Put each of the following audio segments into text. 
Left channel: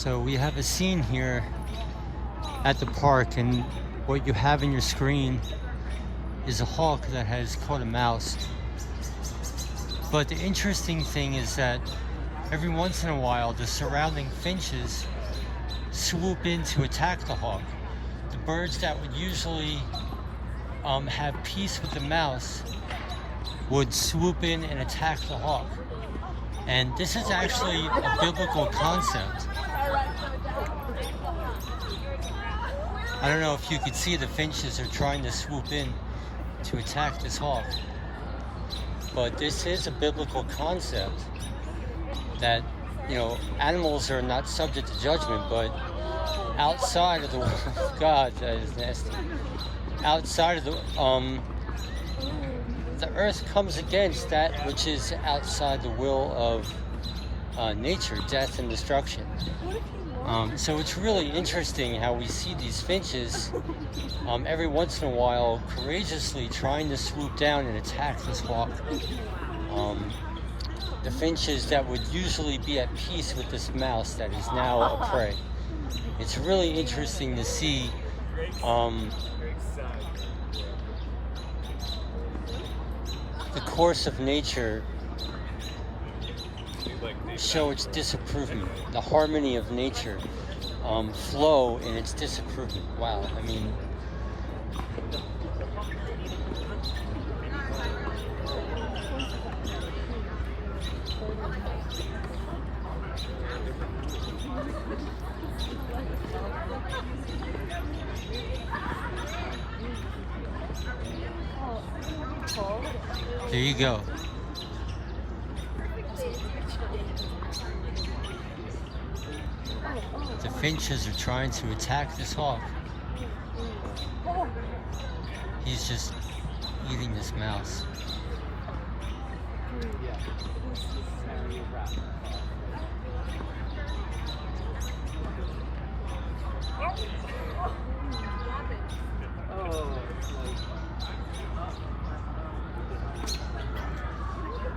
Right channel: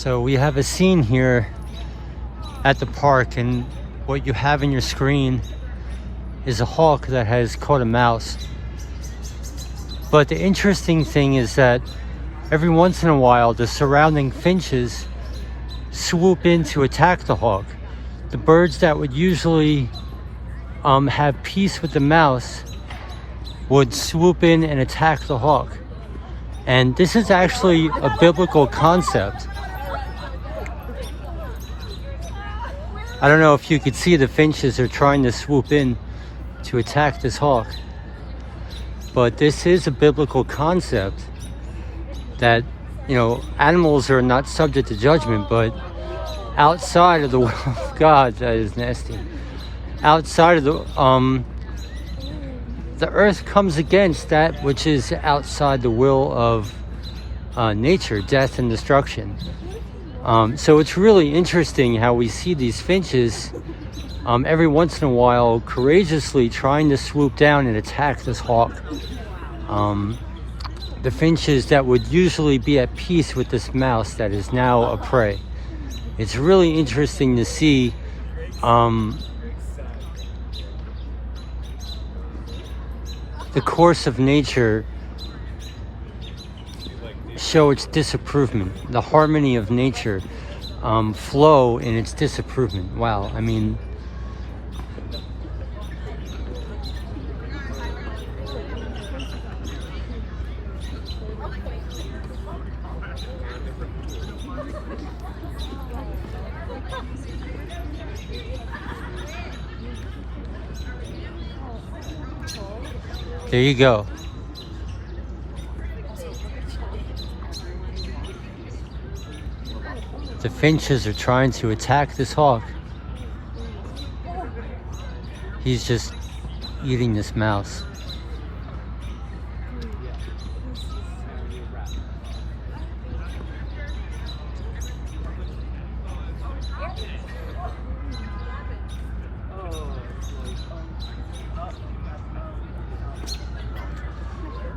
So we have a scene here at the park, and what you have in your screen is a hawk that has caught a mouse. But the interesting thing is that every once in a while the surrounding finches swoop in to attack the hawk. The birds that would usually have peace with the mouse would swoop in and attack the hawk. And this is actually a biblical concept. I don't know if you could see the finches are trying to swoop in to attack this hawk. But this is a biblical concept that, you know, animals are not subject to judgment, but outside of the will of God, that is nasty. Outside of the earth comes against that which is outside the will of nature, death and destruction. So it's really interesting how we see these finches every once in a while courageously trying to swoop down and attack this hawk. The finches that would usually be at peace with this mouse that is now a prey. It's really interesting to see the course of nature show its disapprovement, the harmony of nature flow in its disapprovement. Wow, I mean, there you go. The finches are trying to attack this hawk. He's just eating this mouse.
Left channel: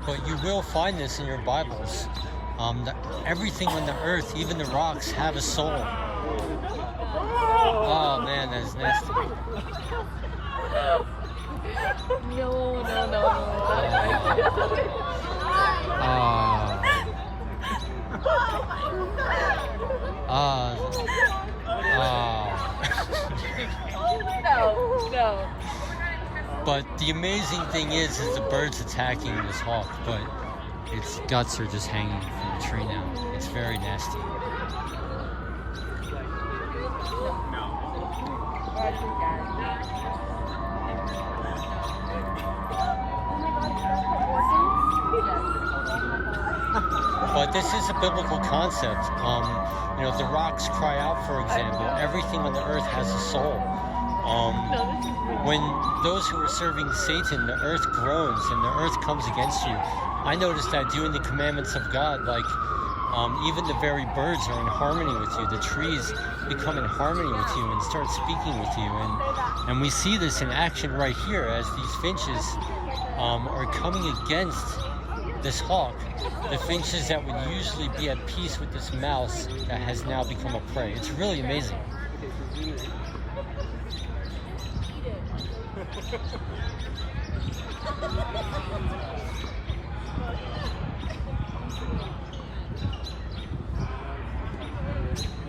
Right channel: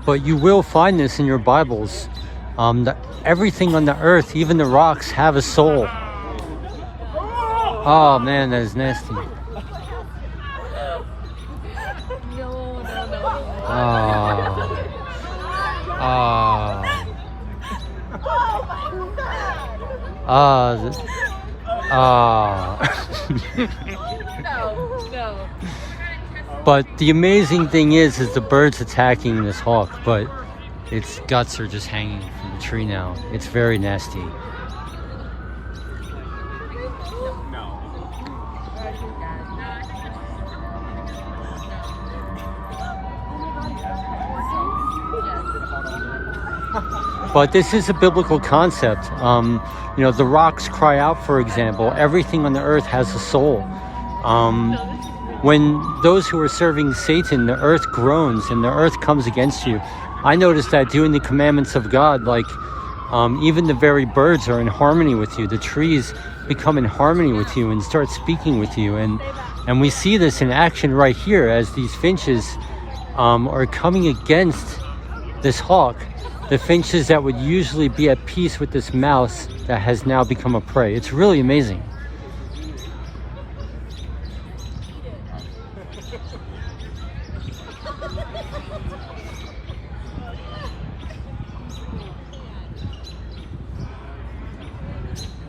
But you will find this in your Bibles. Everything on the earth, even the rocks, have a soul. Oh man, that is nasty. But the amazing thing is the bird's attacking this hawk, but its guts are just hanging from the tree now. It's very nasty. But this is a biblical concept. You know, the rocks cry out, for example. Everything on the earth has a soul. When those who are serving Satan, the earth groans and the earth comes against you. I noticed that doing the commandments of God, like even the very birds are in harmony with you. The trees become in harmony with you and start speaking with you. And we see this in action right here as these finches are coming against this hawk. The finches that would usually be at peace with this mouse that has now become a prey. It's really amazing.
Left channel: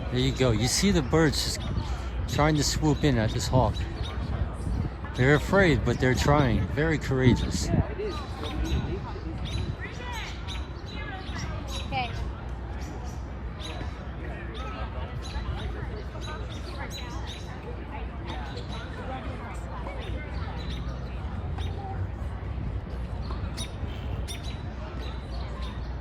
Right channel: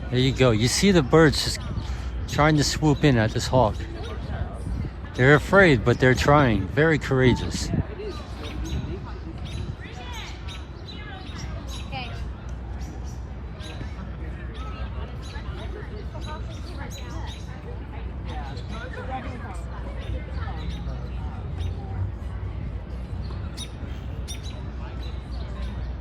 There you go. You see the birds just trying to swoop in at this hawk. They're afraid, but they're trying. Very courageous.